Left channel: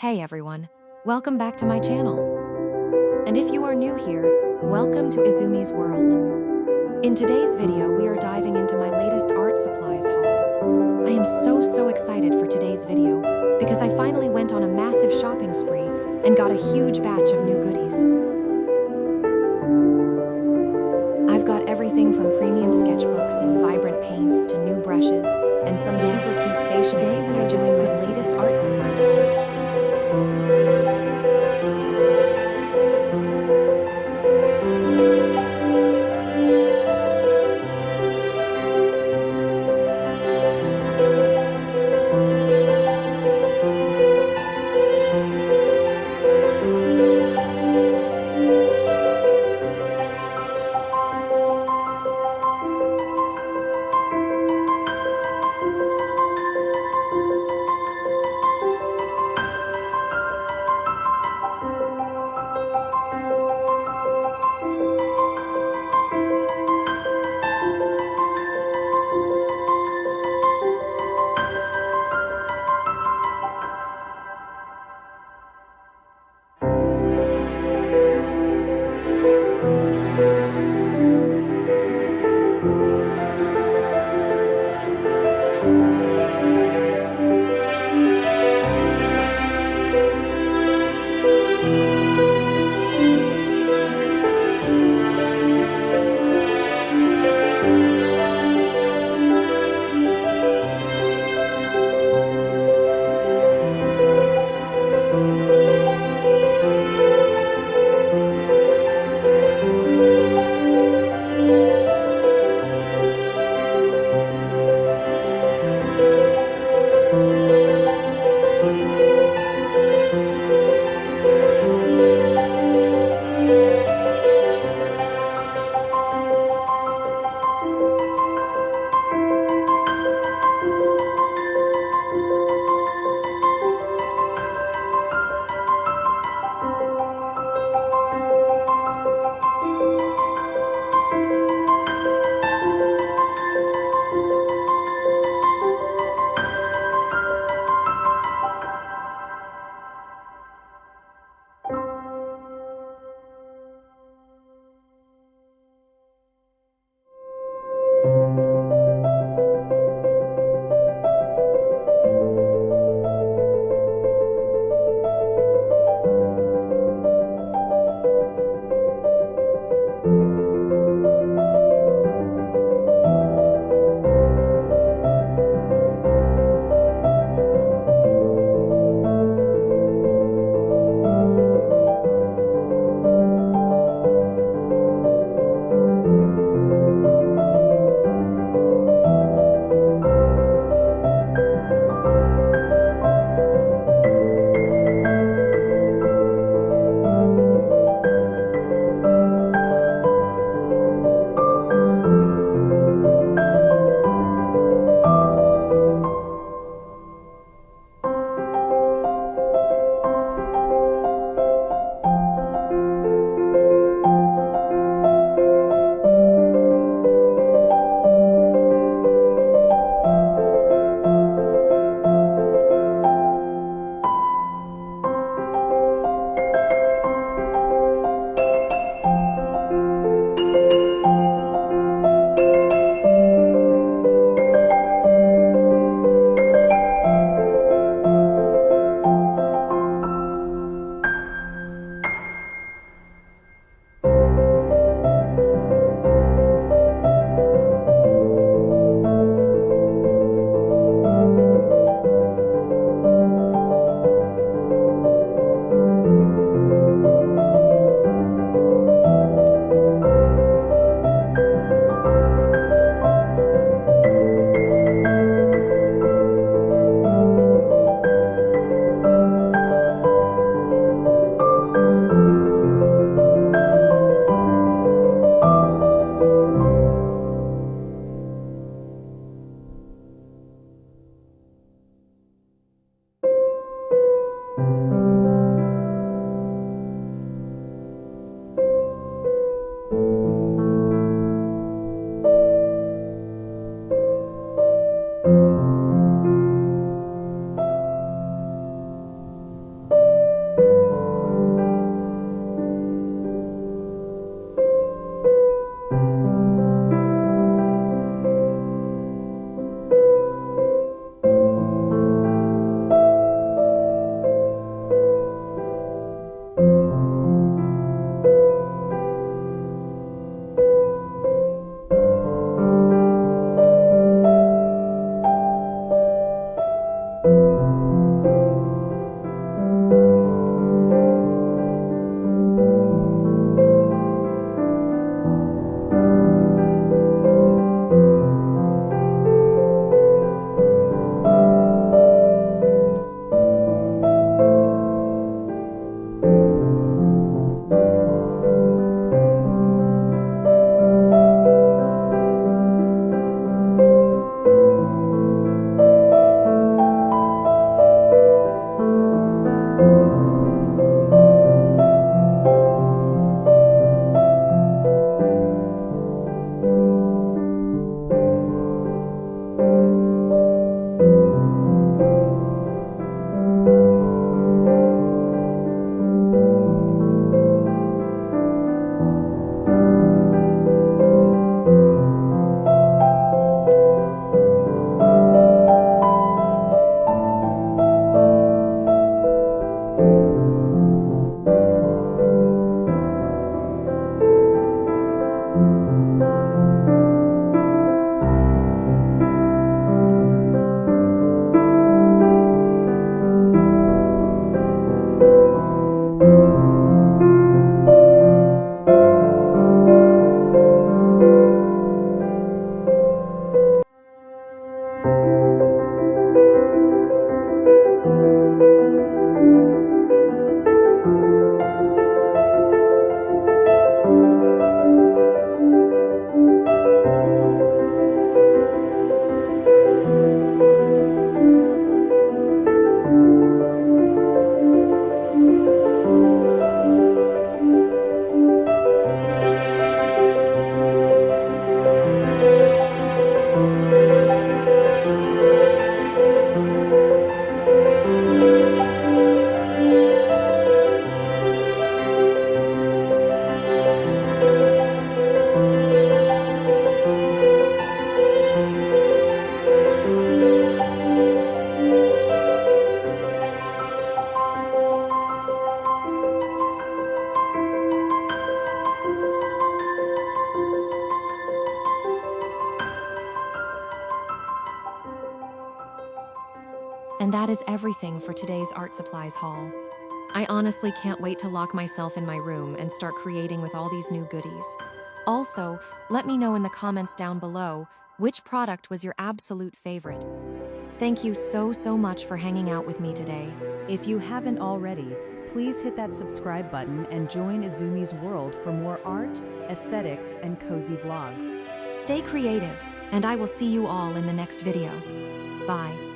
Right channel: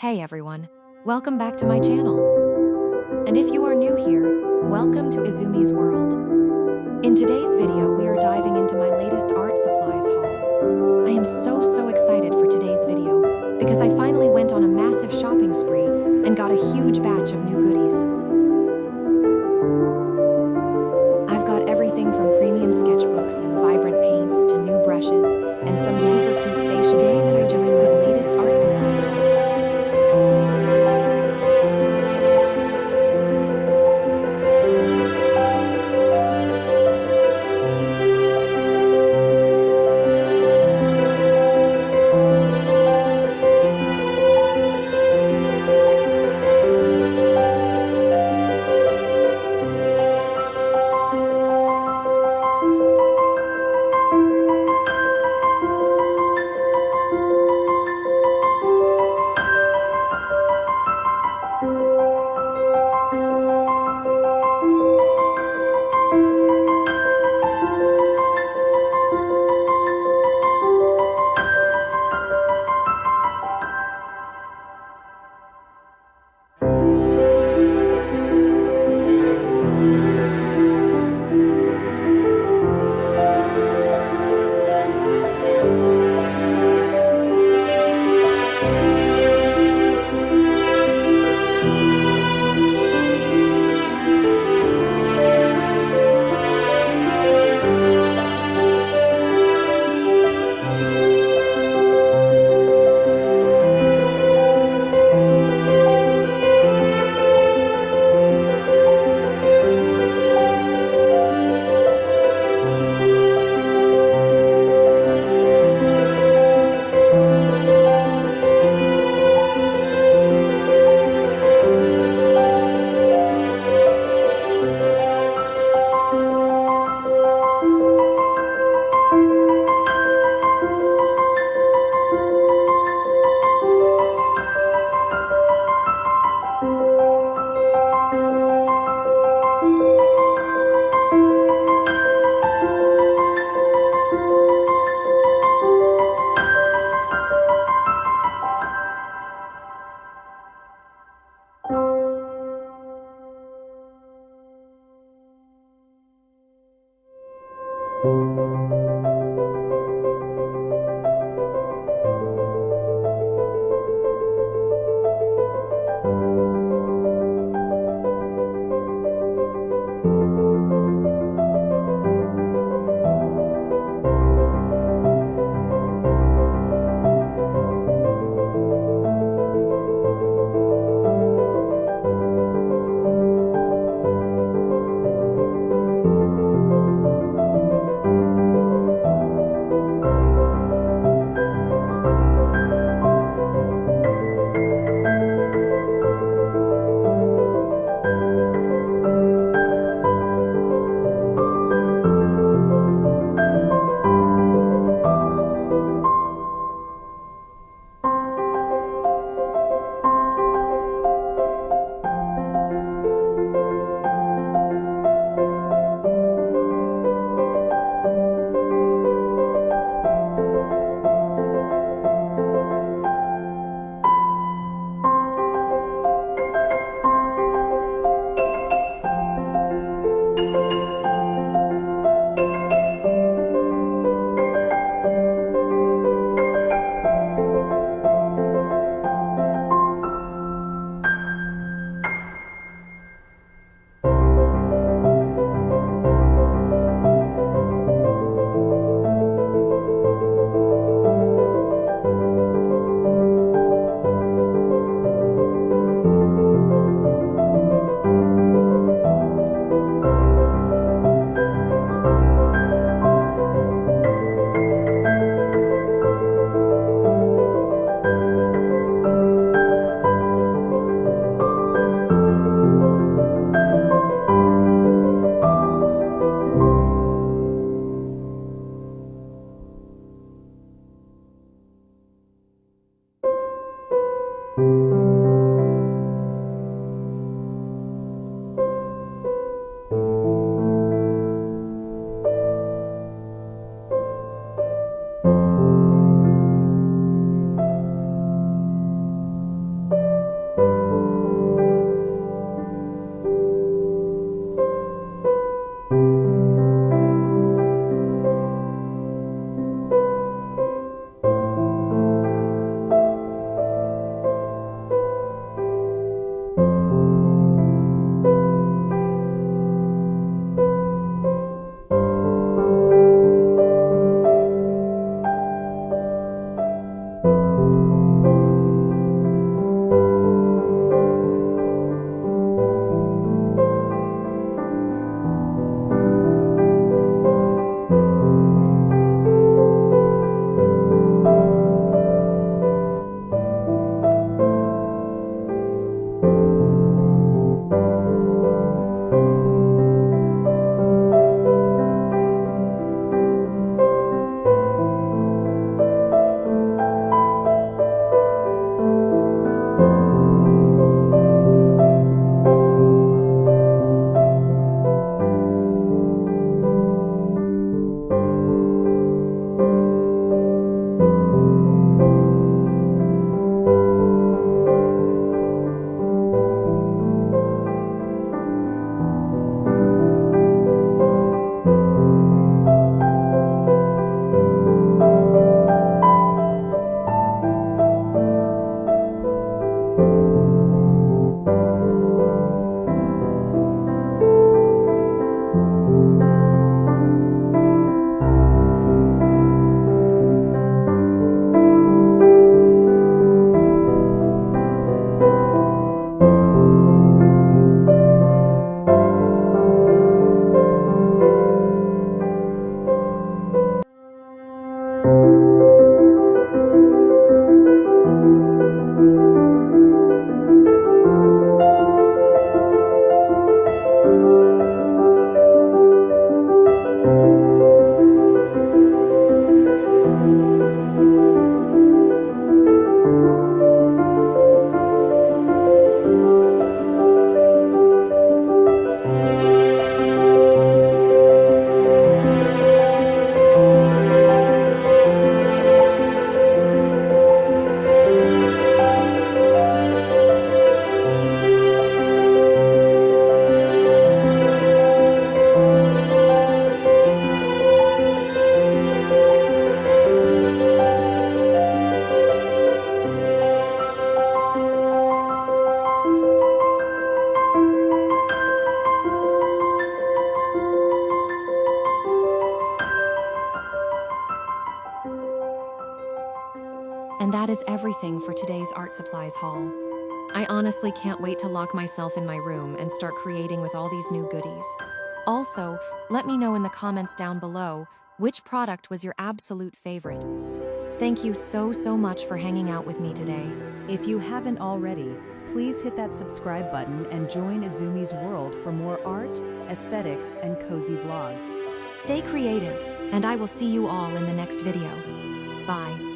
Hey everyone, welcome back to my channel. And if you are new here, welcome to Izumi's world. In today's video, we are diving into my latest art supplies haul. I am so excited for today's video because I finally went on a massive shopping spree and got a huge batch of new goodies. I've got everything from premium sketchbooks and vibrant paints to new brushes and some super cute stationery. Today we are doing my latest art supplies haul. And that is everything for today's art supplies haul. I honestly can't wait to lock myself in my room and start creating with all these new goodies. Also, let me know in the comments down below which product was your absolute favorite. Thank you so much for hanging out with me today. If you haven't already, please hit that subscribe button and join Izumi's world for more art, aesthetics, and cozy vlogs. Stay creative, and I will see you all in the next video. Bye.